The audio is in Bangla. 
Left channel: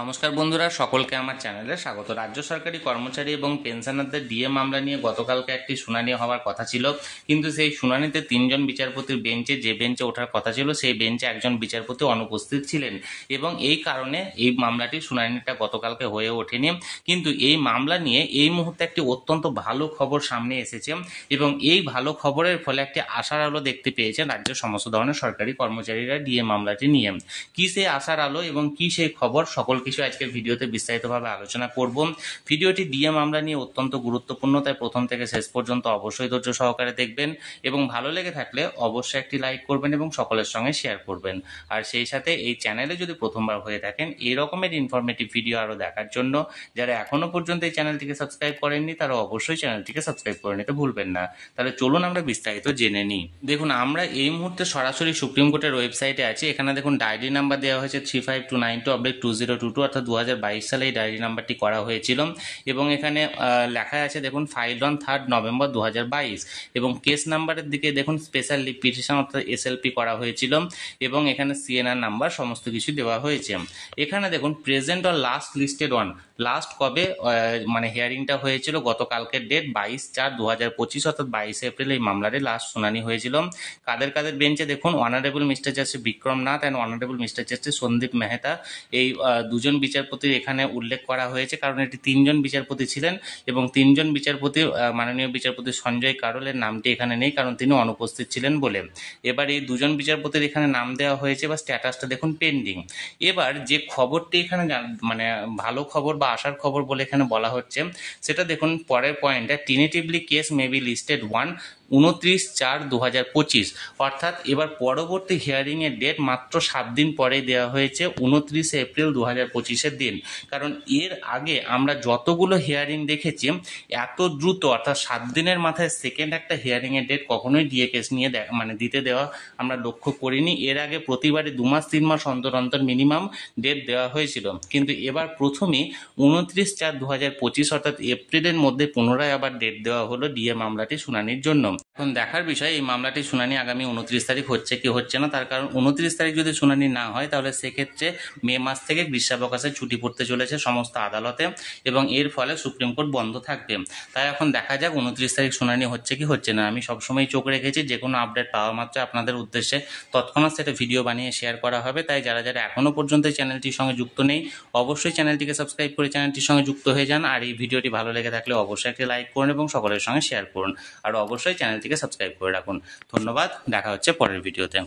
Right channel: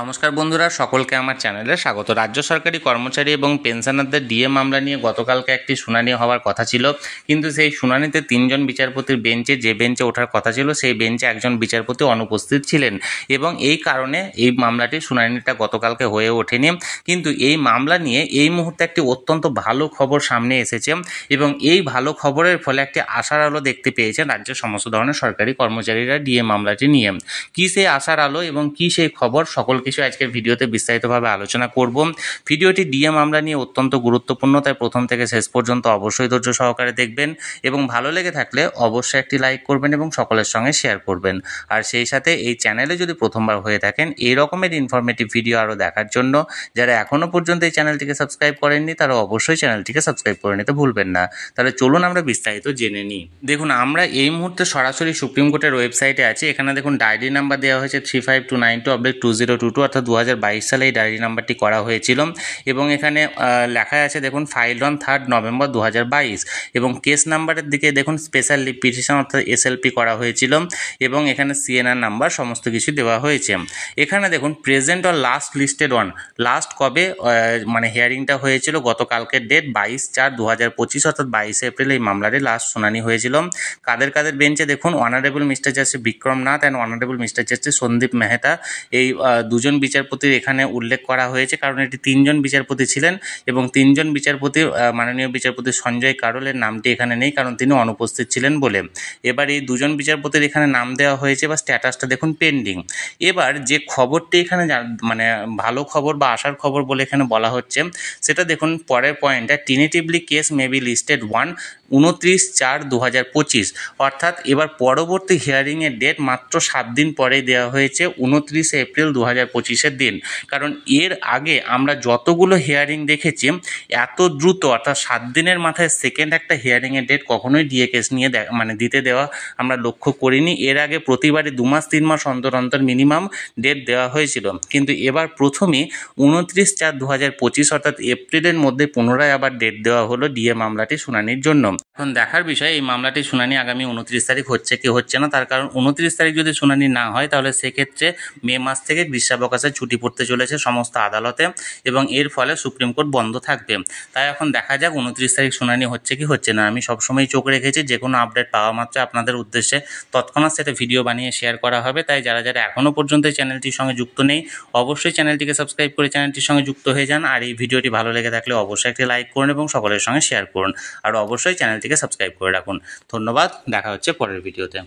নমস্কার বন্ধুরা, সকলকে আমার চ্যানেলে স্বাগত। রাজ্য সরকারি কর্মচারী এবং পেনশনারদের ডিএ মামলা নিয়ে গতকালকে একটি শুনানি হওয়ার কথা ছিল, কিন্তু সেই শুনানিতে তিনজন বিচারপতির বেঞ্চে যে বেঞ্চে ওঠার কথা ছিল সেই বেঞ্চে একজন বিচারপতি অনুপস্থিত ছিলেন এবং এই কারণে এই মামলাটির শুনানিটা গতকালকে হয়ে ওঠেনি। কিন্তু এই মামলা নিয়ে এই মুহূর্তে একটি অত্যন্ত ভালো খবর সামনে এসেছে এবং এই ভালো খবরের ফলে একটি আশার আলো দেখতে পেয়েছেন রাজ্যের সমস্ত ধরনের সরকারি কর্মচারীরা ডিএ মামলাটি নিয়ে। কী সেই আশার আলো এবং কী সেই খবর, সকল কিছু আজকে ভিডিওতে বিস্তারিতভাবে আলোচনা করব। ভিডিওটি ডিএ মামলা নিয়ে অত্যন্ত গুরুত্বপূর্ণ, তাই প্রথম থেকে শেষ পর্যন্ত অবশ্যই ধৈর্য সহকারে দেখবেন এবং ভালো লেগে থাকলে অবশ্যই একটি লাইক করবেন এবং সকলের সঙ্গে শেয়ার করবেন। আর সেই সাথে এই চ্যানেলে যদি প্রথমবার হয়ে থাকেন এই রকমের ইনফরমেটিভ ভিডিও আরও দেখার জন্য যারা এখনও পর্যন্ত এই চ্যানেলটিকে সাবস্ক্রাইব করেননি তারা অবশ্যই চ্যানেলটিকে সাবস্ক্রাইব করে নিতে ভুলবেন না। তাহলে চলুন আমরা বিস্তারিত জেনে নিই। দেখুন, আমরা এই মুহূর্তে সরাসরি সুপ্রিম কোর্টের ওয়েবসাইটে আছি। এখানে দেখুন ডায়েরি নাম্বার দেওয়া হয়েছে 359292/2022, অর্থাৎ 2022 সালে এই ডায়েরি নাম্বারটি করা হয়েছিল এবং এখানে লেখা আছে দেখুন ফাইল অন 3 নভেম্বর 2022 এবং কেস নাম্বারের দিকে দেখুন স্পেশাল লিভ পিটিশন অর্থাৎ এসএলপি করা হয়েছিল এবং এখানে সিএনআর নাম্বার সমস্ত কিছু দেওয়া হয়েছে। এখানে দেখুন present or last listed on, last কবে মানে হিয়ারিংটা হয়েছিল, গতকালকের ডেট 22/4/2025 অর্থাৎ 22 এপ্রিল এই মামলাটি লাস্ট শুনানি হয়েছিল। কাদের কাদের বেঞ্চে দেখুন honourable mister justice Vikram Nath and honourable mister justice Sandeep Mehta, এই দুজন বিচারপতির এখানে উল্লেখ করা হয়েছে কারণ এটি তিনজন বিচারপতি ছিলেন এবং তিনজন বিচারপতি মাননীয় বিচারপতি সঞ্জয় কারোলের নামটি এখানে নেই কারণ তিনি অনুপস্থিত ছিলেন বলে। এবার এই দুজন বিচারপতির এখানে নাম দেওয়া হয়েছে বা স্ট্যাটাসটা দেখুন পেন্ডিং। এবার যে খবরটি এখানে মানে ভালো খবর বা আশার খবর বলে এখানে বলা হচ্ছে সেটা দেখুন পরের পয়েন্টটা, টেনেটিভলি কেস মে বি লিস্টেড 29/4/2025, অর্থাৎ এবার পরবর্তী হিয়ারিংয়ের ডেট মাত্র 7 দিন পরেই দেওয়া হয়েছে 29 এপ্রিল 2025-এর দিন। কারণ এর আগে আমরা যতগুলো হিয়ারিং দেখেছি এত দ্রুত অর্থাৎ 7 দিনের মাথায় সেকেন্ড একটা হিয়ারিংয়ের ডেট কখনোই ডিএ কেস নিয়ে দিতে দেওয়া আমরা লক্ষ্য করিনি। এর আগে প্রতিবারই 2 মাস 3 মাস অন্তর অন্তর মিনিমাম ডেট দেওয়া হয়েছিল, কিন্তু এবার প্রথমেই 29/4/2025 অর্থাৎ এপ্রিলের মধ্যে পুনরায় আবার ডেট দেওয়া হলো ডিএ মামলাটি শুনানির জন্য। এখন দেখার বিষয় এই মামলাটির শুনানি আগামী 29 তারিখ হচ্ছে কি হচ্ছে না, তার কারণ 29 তারিখ যদি শুনানি না হয় তাহলে সেক্ষেত্রে মে মাস থেকে গ্রীষ্মাবকাশে ছুটি পড়তে চলেছে সমস্ত আদালতে এবং এর ফলে সুপ্রিম কোর্ট বন্ধ থাকবে। তাই এখন দেখা যাক 29 তারিখ শুনানি হচ্ছে কি হচ্ছে না। আমি সবসময় চোখ রেখেছি যে কোনো আপডেট পাওয়া মাত্র আপনাদের উদ্দেশ্যে তৎক্ষণাৎ সেটা ভিডিও বানিয়ে শেয়ার করা হবে। তাই যারা যারা এখনও পর্যন্ত এই চ্যানেলটির সঙ্গে যুক্ত নেই অবশ্যই চ্যানেলটিকে সাবস্ক্রাইব করে চ্যানেলটির সঙ্গে যুক্ত হয়ে যান। আর এই ভিডিওটি ভালো লেগে থাকলে অবশ্যই একটি লাইক করুন এবং সকলের সঙ্গে শেয়ার করুন আর অবশ্যই চ্যানেলটিকে সাবস্ক্রাইব করে রাখুন। ধন্যবাদ, দেখা হচ্ছে পরের ভিডিওতে।